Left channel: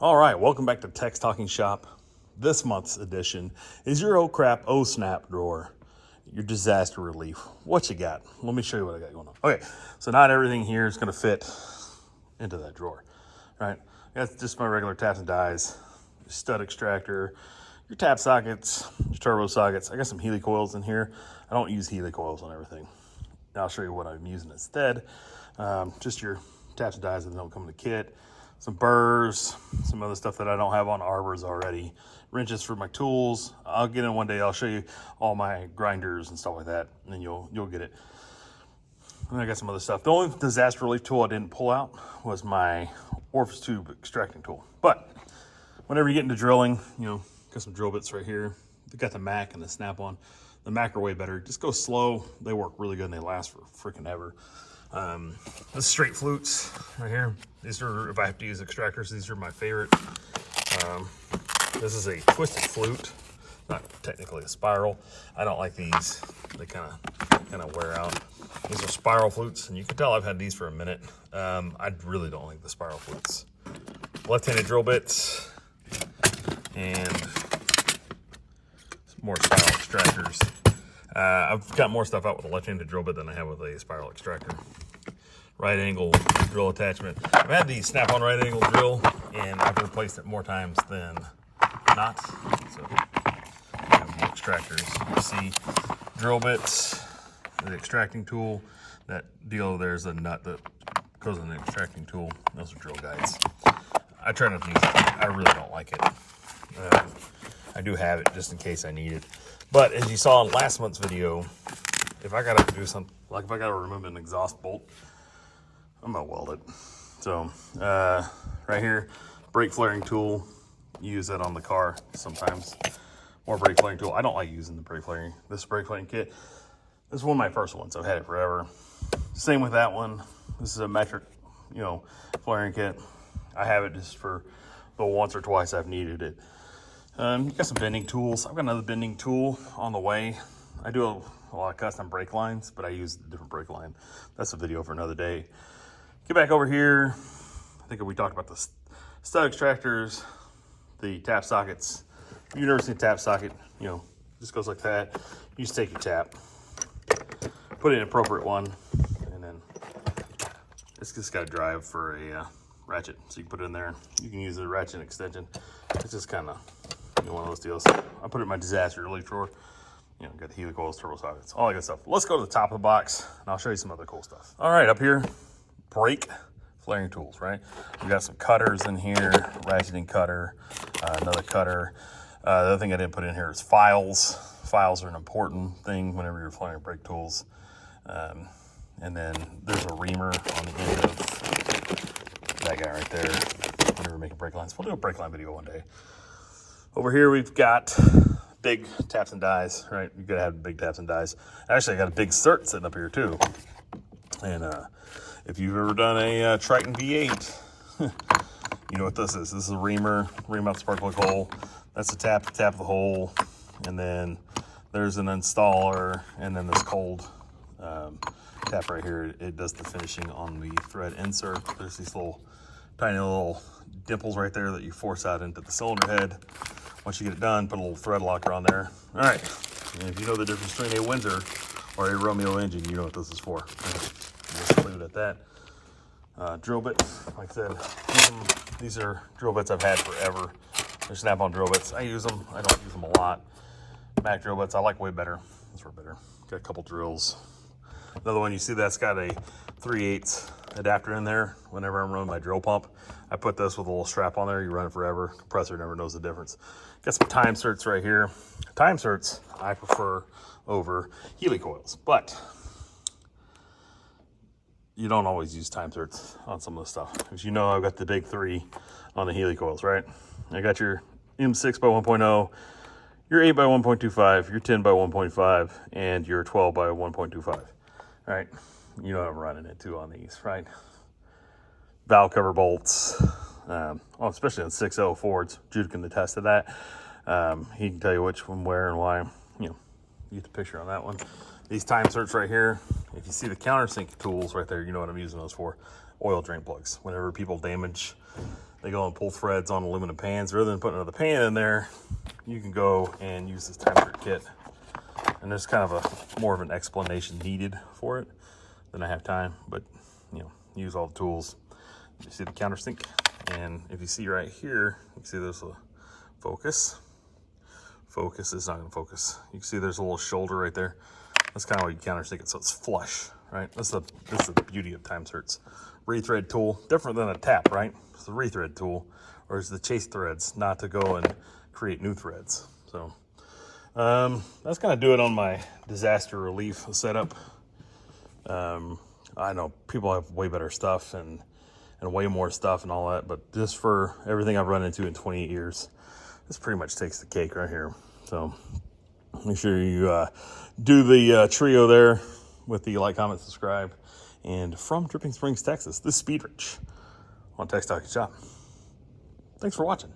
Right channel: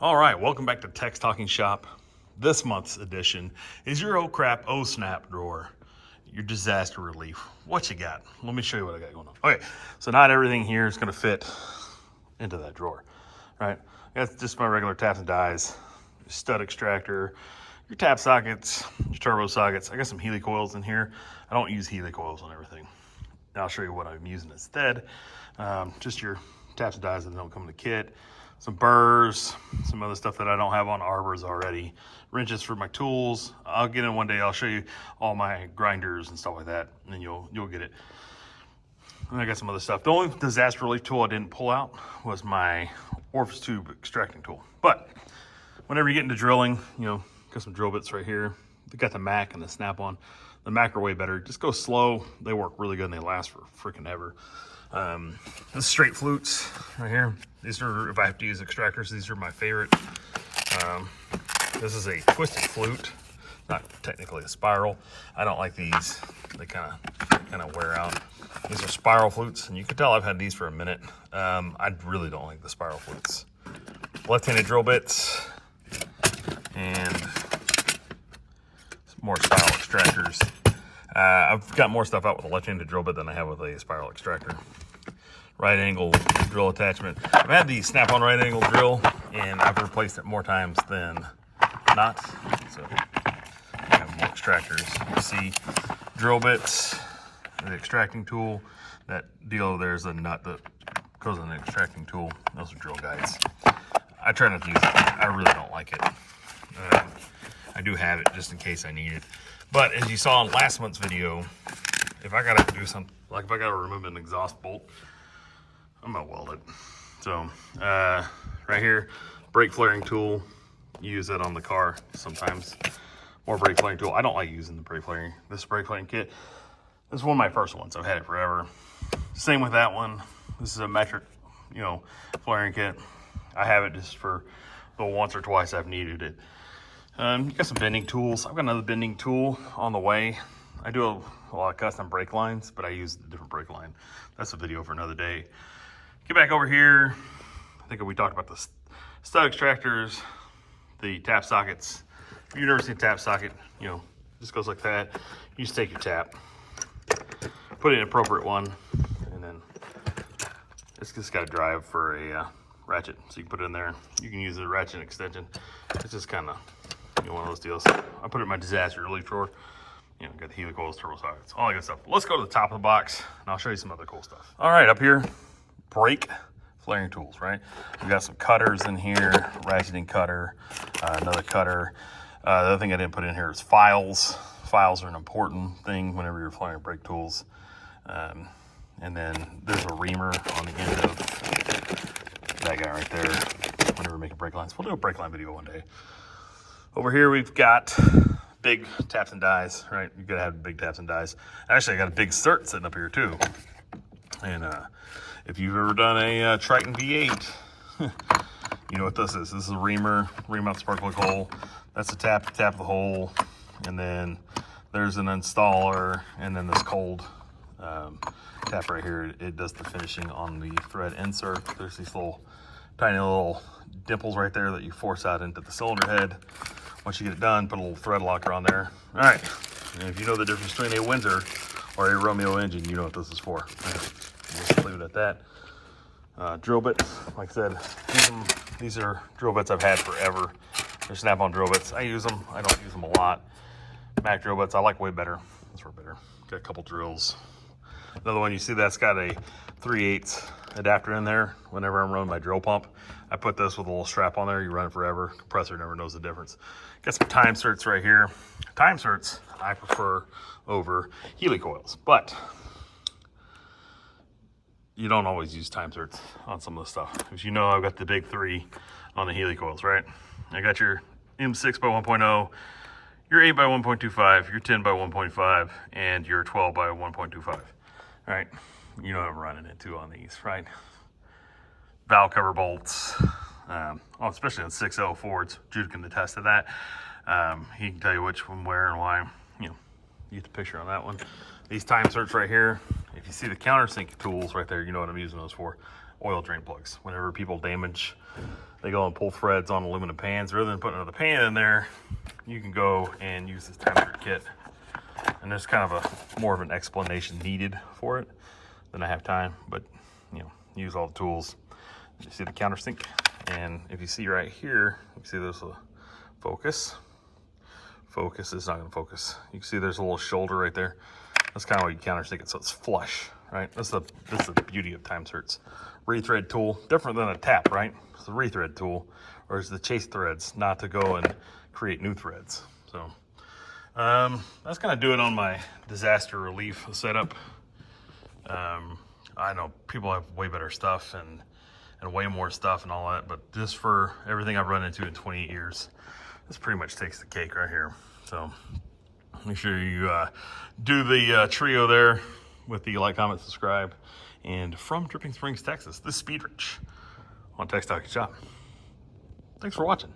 All right, welcome back to Tex Talking Shop. This month's edition is your oh crap, oh snap drawer, your disaster relief. What you got? Let me show you what I got going on. Okay, so not everything here is going to fit into that drawer, right? That's just my regular taps and dies, your stud extractor, your tap sockets, your turbo sockets. I got some Healy coils in here. I don't use Healy coils on everything. And I'll show you what I'm using instead. Just your taps and dies that don't come in the kit. Some burrs, some other stuff that I don't have on arbors already. Wrenches for my tools. I'll get in one day. I'll show you all my grinders and stuff like that, and then you'll get it. And I got some other stuff. The only disaster relief tool I didn't pull out was my orifice tube extracting tool. But whenever you get into drilling, got some drill bits right here. They got the Mac and the Snap-on. The Mac are way better. Just go slow. They work really good and they last for freaking ever. The straight flutes right here. These are, if I have to use extractors, these are my favorite. This is a twisted flute, not technically a spiral. I don't like these. They kind of wear out. These are spiral flutes, and you can tell I've had these for a minute. I really don't like the spiral flutes. Left-handed drill bits and more spiral extractors. I've got more stuff out with a left-handed drill bit than I have with a spiral extractor. Right angle drill attachment. I've had the Snap-on right angle drill, and I've replaced it more times than not. So I have more extractors. You see drill bits, the extracting tool. That deal there's a nut that goes in the extracting tool. Those are drill guides. I try not to use it. I really don't like it. I do have it just in case I need it. But as you saw in last month's video, if I gotta do something, like if I gotta remove an exhaust bolt, I'm gonna weld it. So right here, brake flaring tool. You use that on the car sometimes. More brake flaring tool. I don't like using the brake flaring. This brake flaring kit. This is one of my first ones. I've had it forever. Same with that one. This is a metric, flaring kit. I have it just for the once or twice I've needed it. You got some bending tools. I've got another bending tool on the way. I do a lot of custom brake lines, but I use a different brake line. That's a video for another day. Get back over here. I think we talked about the stud extractors, the tap sockets. If you've never seen a tap socket, this goes like that. You just take your tap, put it in an appropriate one, and then it's just got a drive for a ratchet. So you can put it in there. You can use a ratchet extension. It's just kind of one of those deals. I put it in my disaster relief drawer. Got the Healy coils, turbo sockets, all that good stuff. Let's go to the top of the box, and I'll show you some other cool stuff. All right, up here, brake flaring tools, right? We got some cutters in here, ratcheting cutter, another cutter. The other thing I didn't put in here is files. Files are an important thing whenever you're flaring brake tools. And then there's a reamer on the end of that guy right there whenever we're making brake lines. We'll do a brake line video one day. Over here we've got big taps and dies, right? You gotta have big taps and dies. Actually, I got a big Sert sitting up here too. And if you've ever done a Triton V8, you know what this is. This is a reamer, ream out the spark plug hole. That's the tap the hole. And then there's an installer, and then this cold tap right here. It does the finishing on the thread insert. There's these tiny little dimples right there that you force out into the cylinder head. Once you get it done, put a little thread locker on there. All right, and if you know the difference between a Windsor or a Romeo engine, you know what this is for. Right. We'll just leave it at that. Drill bits, like I said, these are drill bits I've had forever. They're Snap-on drill bits. I use them. I don't use them a lot. Mac drill bits, I like way better. Those were better. Got a couple drills. Another one, you see that's got a 3/8 adapter in there. Whenever I'm running my drill pump, I put this with a little strap on there. You run it forever. Compressor never knows the difference. Got some time certs right here. Time certs I prefer over Healy coils, but you don't always use time certs on some of the stuff. As you know, I've got the big 3 on the Healy coils, right? I got your M6 by 1.0, your 8 by 1.25, your 10 by 1.5, and your 12 by 1.25. All right, you know what I'm running into on these, right? Valve cover bolts, especially on 6.0 Fords. Jude can attest to that. He can tell you which one, where, and why. You get the picture on that one. These time certs right here, if you see the countersink tools right there, you know what I'm using those for. Oil drain plugs. Whenever people damage they go and pull threads on aluminum pans. Rather than putting another pan in there, you can go and use this time Sert kit. And there's kind of a more of an explanation needed for it than I have time, but you know, use all the tools. You see the countersink, and if you see right here, you can see there's a focus. Focus is not going to focus. You can see there's a little shoulder right there. That's kind of why you countersink it, so it's flush, right? This is the beauty of time Sert's rethread tool. Different than a tap, right? It's the rethread tool, or it's the chase threads, not to go and create new threads. So that's gonna do it on my disaster relief setup. I know people have way better stuff and way more stuff and all that, but just for everything I've run into in 28 years, this pretty much takes the cake right here. So make sure you do the trio there with the like, comment, subscribe. And from Dripping Springs, Texas, this is Speed Rich on Tech Talk Shop. Thanks for watching.